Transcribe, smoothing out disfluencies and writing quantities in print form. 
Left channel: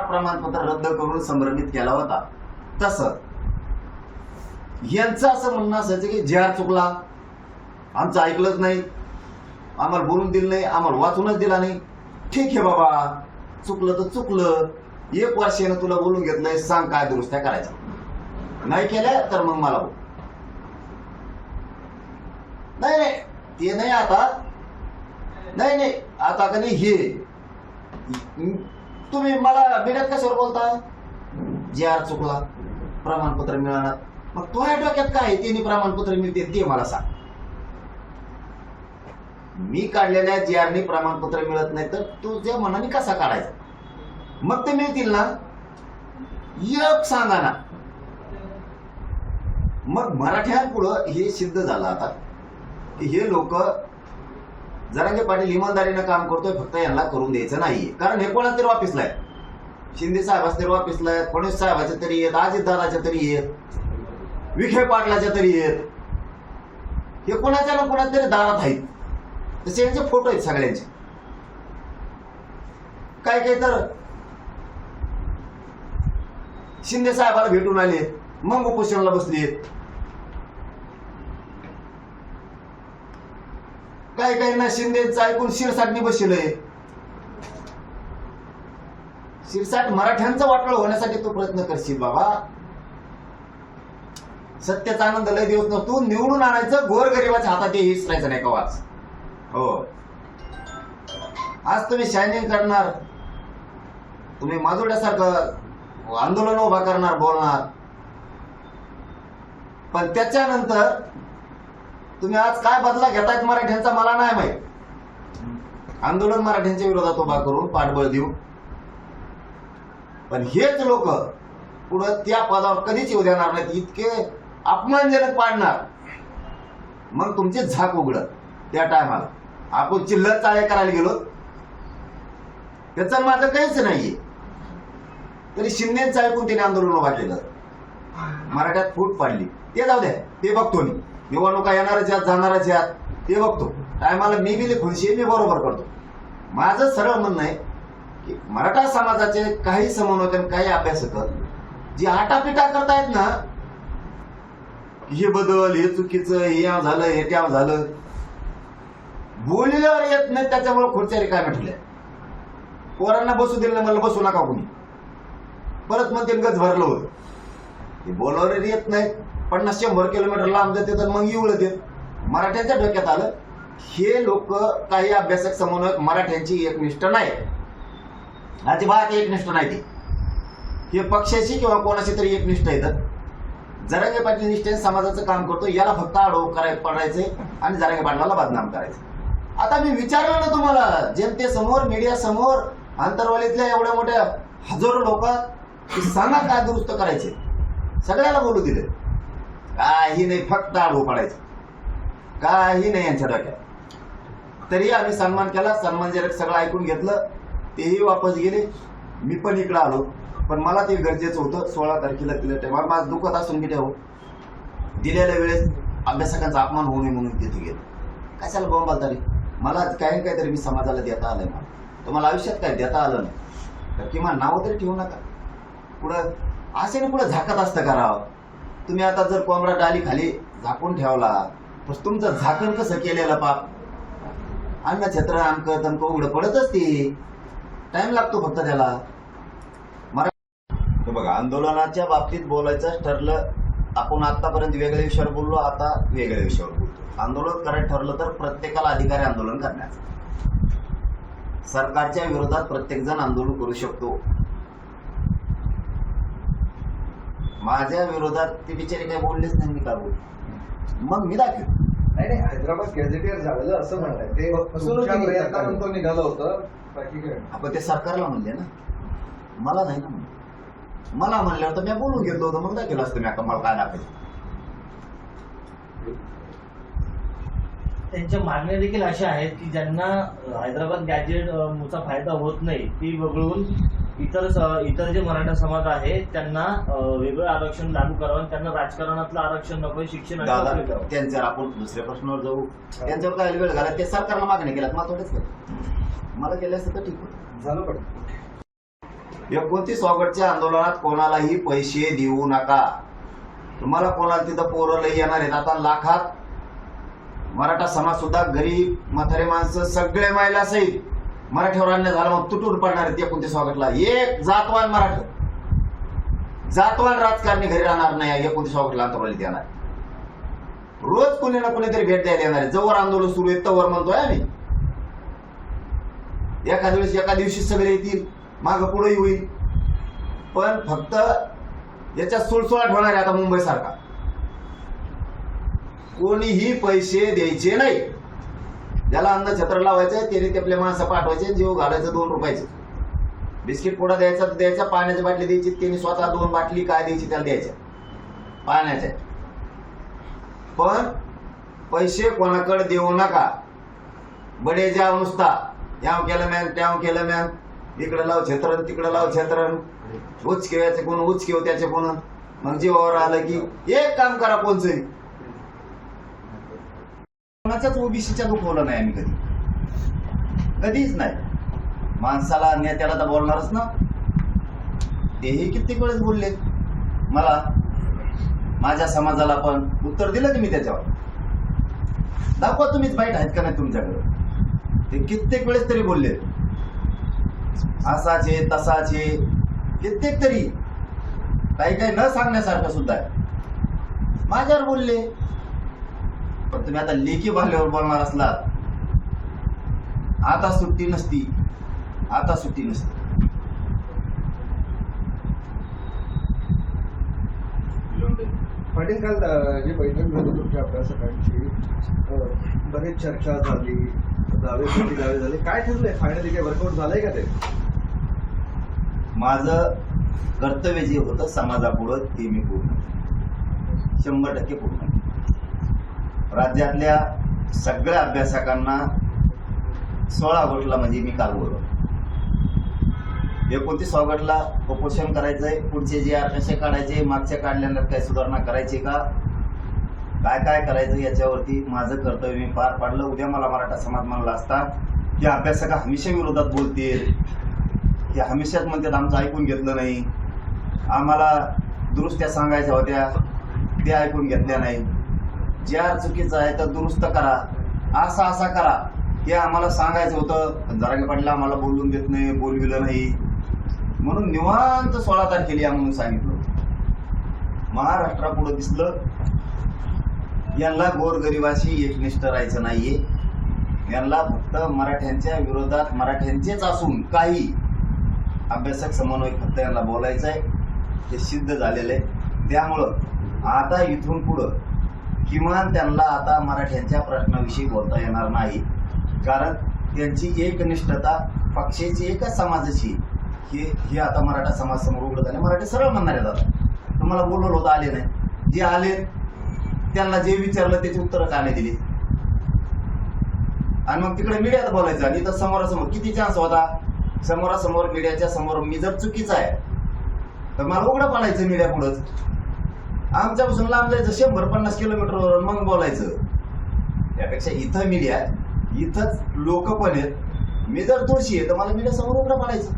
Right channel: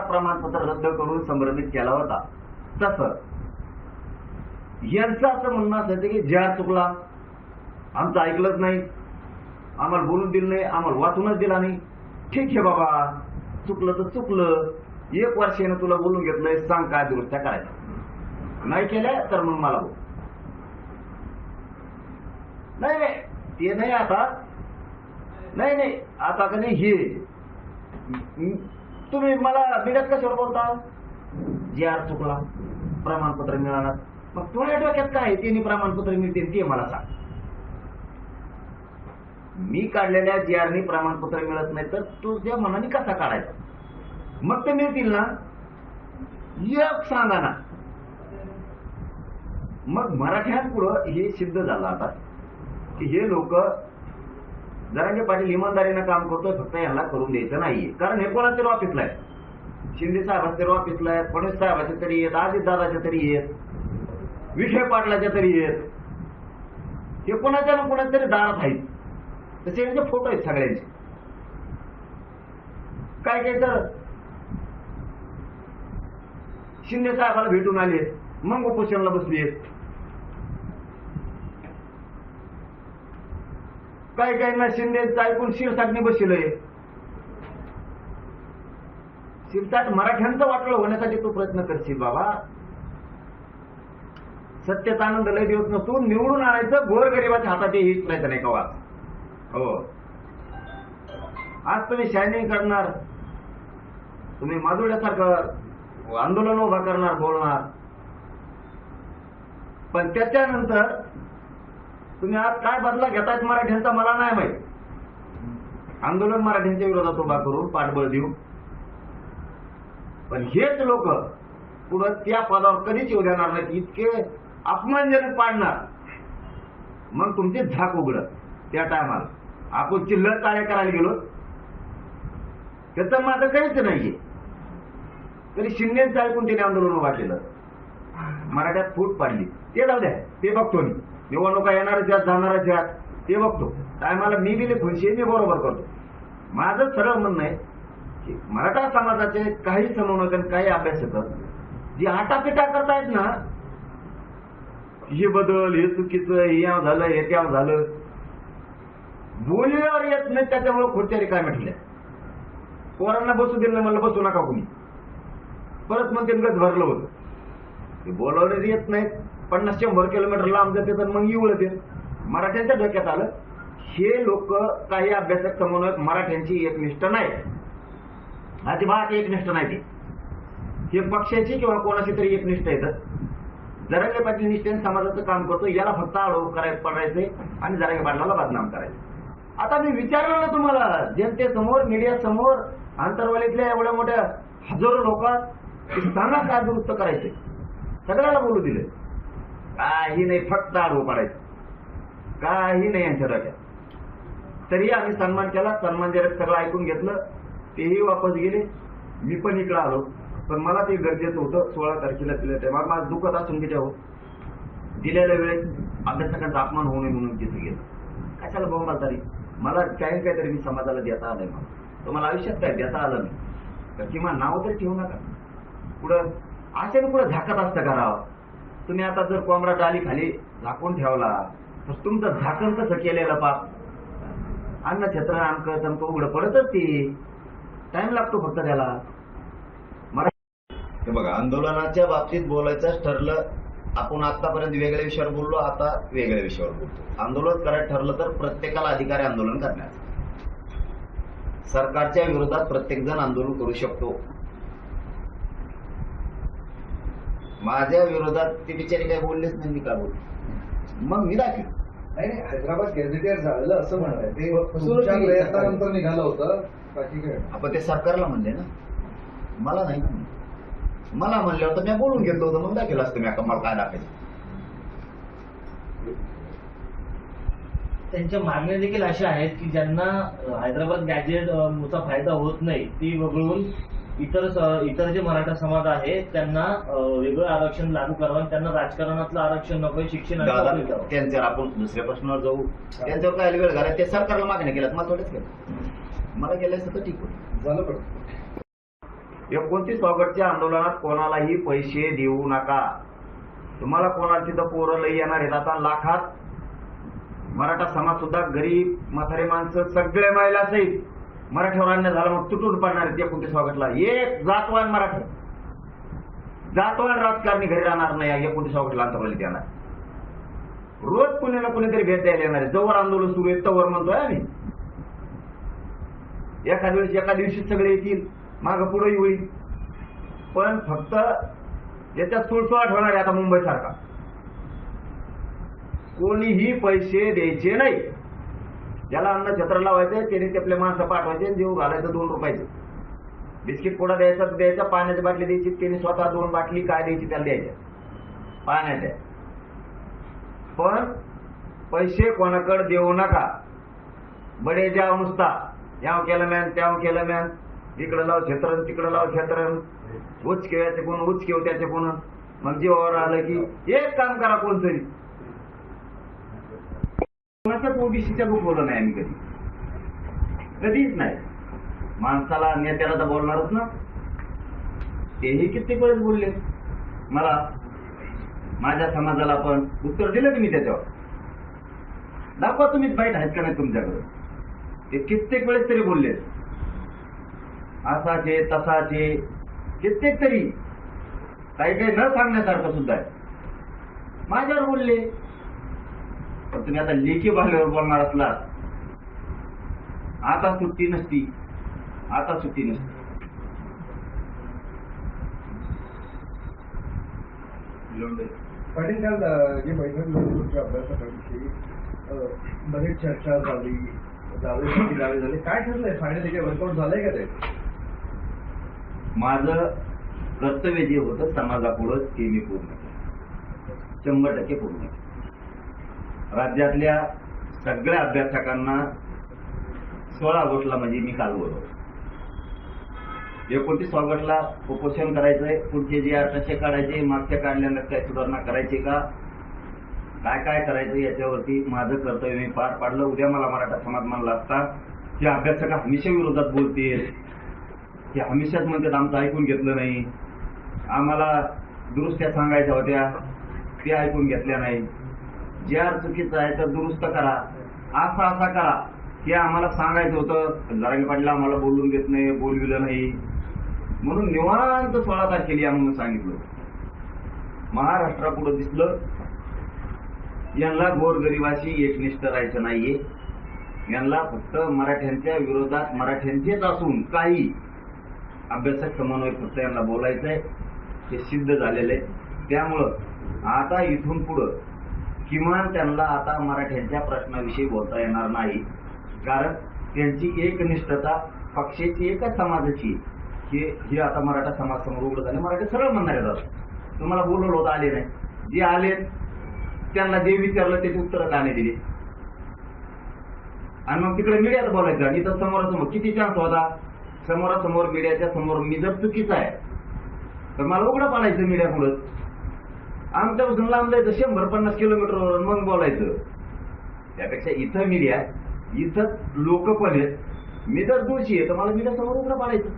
प्रमाणपत्र रद्द करून संभ्रमित केला होता, तसं यांचं असं म्हणणं असायचं की जे चुकला, आमचं ऐकलंच नाही, आम्हाला बोलून दिलं नाही, आम्हाला वाचूनच दिला नाही. ठीक आहे बाबा, चुकलं तर चुकलं, 1 वर्षानं तुला बोलून घेतलंय, सांग काय दुरुस्त्या करायच्या. नाही केल्या तर मग मला बोल. नाही नाही ते नाही, आता नाही नाही, आता का नाही हे तुम्ही मला मीडियात कशावर बोलता? जे चुकला, प्रमाणपत्र मिळणार. मग तुझ्या डोक्यात काय आहे, तिने प्रमाणपत्र मिळते ते मला सांग. मी काढलेल्या JRने प्रमाणपत्र मिळत नाही तर तुझ्या मनाने कसा काढायचा? मग ते मिळतील ना, एक सांगा ना. मग मराठ्यांपुढं हे सिद्ध झालं आता की हे लोक, जरांगे पाटील इमानदारीने काम करतोय, फक्त यांना करून द्यायचं नाहीये. कारण हे कोणाच्या तरी ऑफिसला आहे, शिंदे साहेबाच्या तरी ऑफिसला आहेत, फडणवीस साहेबाच्या तरी आहेत, अजितदादाच्या तरी आहेत, विखे पाटलाच्या तरी आहेत. हे कोणाच्या ना कोणाच्या तरी दारात आहेत. तसे यांचे फोटो आहेत सगळ्यांचे. काय काय तर शिंदे साहेबाला भेटून आले, मग उपोषणाला बसली आहेत. काय काय ना शिंदेचं ऐकून शिरसाटनी बसलंय. शिरसाट मराठ्यांचं वाटलं होण्यासाठी तू प्रयत्न करशील बाबा. सत्याचा आनंद लय दिवस नसतो, निवडून आणायचं, गोरगरिबाच्या हातात हे हिसरायचं नाही कवाच. हो, आज तुम्ही शायनिंग करणार, तुम्ही माजुड्यासारखं आंदोलन उभा करणार, बोलणार, पण त्याच्यानंतर तुम्ही आज काय बदला घेतायत मराठ्यांचा मला नाही माहित. आंदोलन मराठ्यांच्या विरोधात उभा करून पाठबळ देऊ, पण हेच लोक पुढं त्या पदावर कधीच येऊ देणार नाहीत. इतके अपमानजनक पाडणार, मग तुमची झाक उघडत. त्या टायमाला आपण चिल्लर चाळे करायला गेलो, त्याचं माझं काहीच नाहीये. तरी शिंदेचं ऐकून त्याने आंदोलन उभा केलं, मराठ्यात फूट पाडली. ते जाऊ द्या, ते बघतो मी. निवडणुका येणारच आहेत, जाणारच आहेत, ते बघतो. टायमाला मी बी खुशी, मी बरोबर करतो. माझं सरळ म्हणणं आहे की मराठा समाजाचे काही समन्वयक, काही अभ्यासक जे आटापिटा करतायत ना, हे बदल, हे चुकीचं, हे याव झालं, हे त्याव झालं, बोलल्यावर येत नाही, त्याच्यामुळे खुर्च्या रिकाम्या ठेवल्या. पोरांना बसू दिलं नाही, मला बसू नका कोणी. परत म्हणते गज भरलं होतं. ते बोलावर येत नाहीत, 50-100 किलोमीटर लांब जाते तर मग येऊळत येत. मराठ्यांच्या डोक्यात आलं, हे लोक काही अभ्यासक समन्वयक मराठ्यांची एकनिष्ठ नाही, अजिबात एकनिष्ठ नाही. हे पक्षाशी किंवा कोणाशी तरी एकनिष्ठ येतात. जरांगे पाटील निष्ठेने समाजाचं काम करतो, याला फक्त आडव पडायचे आणि जरांगे पाटलाला बदनाम करायचं. आता मी विचारलं ना तुम्हाला, जनतेसमोर, मीडिया समोर, आंतरवालीतल्या एवढ्या मोठ्या हजारो लोकात, सांगा काय दुरुस्त करायचे. सगळ्याला बोलू दिले, काही नाही, फक्त आडवं पडायचं, काही नाही यांच्या डोक्यात. तरी आम्ही सन्मान केला, सन्मानजनक सगळं ऐकून घेतलं. तेही वापस गेले, मी पण इकडं आलो. पण मला ते गरजेचं होतं. 16 तारखेला दिल्या टायमाला माझं दुखत असून बी ठेव, दिलेल्या वेळेस अभ्यासकांचा अपमान होऊ नये म्हणून तिथे गेलो. कशाला बोंबाल तरी, मला काही काहीतरी मी समाजाला देता आलंय. मला तुम्हाला आयुष्यात काय देता आलं नाही तर किमान नावं तरी ठेवू नका. पुढं अशाने पुढं झाकत असतं करावं. तुम्ही आता जर कोंबडा डाली खाली झाकून ठेवला तर तुमचं झाकण कसं केलेलं पाप, अन्न छत्र आमकं तमकं उघडं पडतच. ते टाइम लागतो फक्त त्याला. हे बघा, आंदोलनाच्या बाबतीत बोलायचं ठरलं, आपण आतापर्यंत वेगळ्या विषयावर बोललो, आता वेगळ्या विषयावर बोलतो. आंदोलन करायचं ठरलं तर प्रत्येकाला अधिकार आहे आंदोलन करण्याचा. सरकारच्या विरोधात प्रत्येक जण आंदोलन करू शकतो. माझ्या विरोधात ते बिचारे काही बोललेच नाही, मी का बोल, मग मी दाखव. नाही, हैदराबाद गॅझेटियर झालेलं असं म्हणताय, ते प्रयत्नानंतर निघालं होतं. बाकी काय, आपण ते सरकारला म्हणले ना, मला नाही ना म्हणलं. मला म्हणल्यावर तर मी बोलून घेतलं होतं, मग दाखवलं असतं मी मला काय दाखवायचं. त्यांच्या मागण्या देखील अशा आहेत की ज्यांना हैदराबाद गॅजेटचा फायदा होत नाही, ती वगळून इतर जे मराठा समाज आहे त्यांना वेगळं आरक्षण लागू करावं, त्यांना राजकारणातलं आरक्षण नको, शिक्षण. त्यांच्यावर आपण दुसऱ्या प्रश्नावर जाऊ. त्यांच्यावर काय वेळ घाला, ते सरकारला मागण्या केल्यात, मला थोडेच केलं. मला केलं असतं तर ठीक होतं, झालं. पण 29 ऑगस्टच्या आंदोलनात कोणालाही पैसे देऊ नका. तुम्हाला कोणाला तिथं पोरं लई येणार आहेत. आता लाखात मराठा समाज सुद्धा गरीब म्हातारे माणसं सगळे महिला सहित मराठ्यावर अन्याय झाला मग तुटून पडणार आहेत 29 ऑगस्टला. एक जातवान मराठा जातवान राजकारणी घरी राहणार नाही 29 ऑगस्टला अंतरावलीत येणार. रोज कुणी ना कुणीतरी भेट द्यायला येणार आहे. जवळ आंदोलन सुरू आहे तवर म्हणतोय आम्ही. एका दिवशी सगळे येतील, माग पुढेही होईल. पण फक्त याच्यात सुळसुळाट होणार आहे आता मुंबई सारखा. कोणीही पैसे द्यायचे नाही. ज्याला अन्न छत्र लावायचंय त्याने ते आपले माणसं पाठवायचे, जीव घालायचं 2 रुपयाचे. बिस्किट पुडा द्यायचा तर द्यायचा, पाण्याची बाटली द्यायची, त्यांनी स्वतः 2 बाटली काय द्यायची त्याला द्यायच्या पाण्याच्या. पण पैसे कोणाकडे देऊ नका. बडे जाव नुसता याव केलं मॅन त्याव केलं मॅन, इकडे लाव छत्रण तिकडे लाव छत्रण, उचकेवायचे कोण उचकेव त्याचे कोण. मग जीवावर आलं की एक काम करा कोणचंही. कोणाचाच ओबीसीच्या दुखवलं नाही आम्ही कधीच नाही. माणसाला नेत्याला तर बोलणारच ना. तेही कित्येक वेळेस बोलले मला, माझ्या समाजाला पण उत्तर दिलं की मी त्याच्यावर. दाखवा तुम्हीच बाईट आहेत का नाही तुमच्याकडे. ते कित्येक वेळेस तरी बोलले असाचे तसाचे, कित्येक तरी काही काही न सांगण्यासारखं सुद्धा आहे. माझ्यावर बोलले. पण तुम्ही आता लेखी भाल्यावर बोलणार असलात आता सुट्टी नसती. पाटील, काल जी बैठक झाली तुमच्या अभ्यासकांची, बरेच चर्चा झाली, दावे झाले. काय ठरलंय फायनली? काही वर्कआउट झालंय का ते? माझं कर्तव्य जे होतं समाजापुढं ते मी पूर्ण 100% पूर्ण. राज्यातल्या सगळ्या अभ्यासकांना 16 ऑगस्टला म्हणजे मी काल बोलवलं. 29 ऑगस्टला उपोषण करायचंय. पुढचे जे कसे काढायचे, मागच्या काढल्यानंतर काय सुधारणा करायची का, काय करायचं याच्यावरती माझं कर्तव्य मी पार पाडलं. उद्या मला मराठा समाज म्हणला असता की अभ्यासक हमेशा विरोधात बोलतील, की हमेशाच म्हणतात आमचं ऐकून घेतलं नाही, आम्हाला दुरुस्त्या सांगायच्या होत्या त्या ऐकून घेतल्या नाही, ज्या चुकीचं आहे तर दुरुस्त करा, असा करा हे आम्हाला सांगायचं होतं. जरांगे पाटील आम्हाला बोलून देत नाही, बोलविलं नाही, म्हणून निवांत 16 तारखेला या म्हणून सांगितलं. महाराष्ट्रापुढं दिसलं यांना गोरगरिबाशी एकनिष्ठ राहायचं नाहीये. यांना फक्त मराठ्यांच्या विरोधात मराठ्यांचेच असून काही अभ्यासक समन्वय फक्त यांना बोलायचंय. हे सिद्ध झालेलं आहे. त्यामुळं आता इथून पुढं किमान त्यांना आता मराठ्यांच्या प्रश्नाविषयी बोलता येणार नाही. कारण त्यांची एकनिष्ठता पक्षाची एकच समाजाची हे आता मराठा समाज समोर उघड झाले. मराठी सरळ म्हणणार आहेत. आता तुम्हाला बोलवलं होतं, आले नाही. जे आले त्यांना जे विचारलं त्याची उत्तरं का नाही दिली. आणि मग तिकडे मीडियात बोलायचं. आणि इथं समोरासमोर किती चान्स होता. समोरासमोर मीडियाच्या समोर मी जर चुकीचा आहे तर मला उघडं पाडायचं मीडिया पुढंच. आमच्यापासून लांब जायचं 150 किलोमीटरवर मग बोलायचं. त्यापेक्षा इथं मीडिया, इथंच लोक पण आहेत. मी जर दोषी आहे तर मला मीडिया समोर उघडं पाडायचं.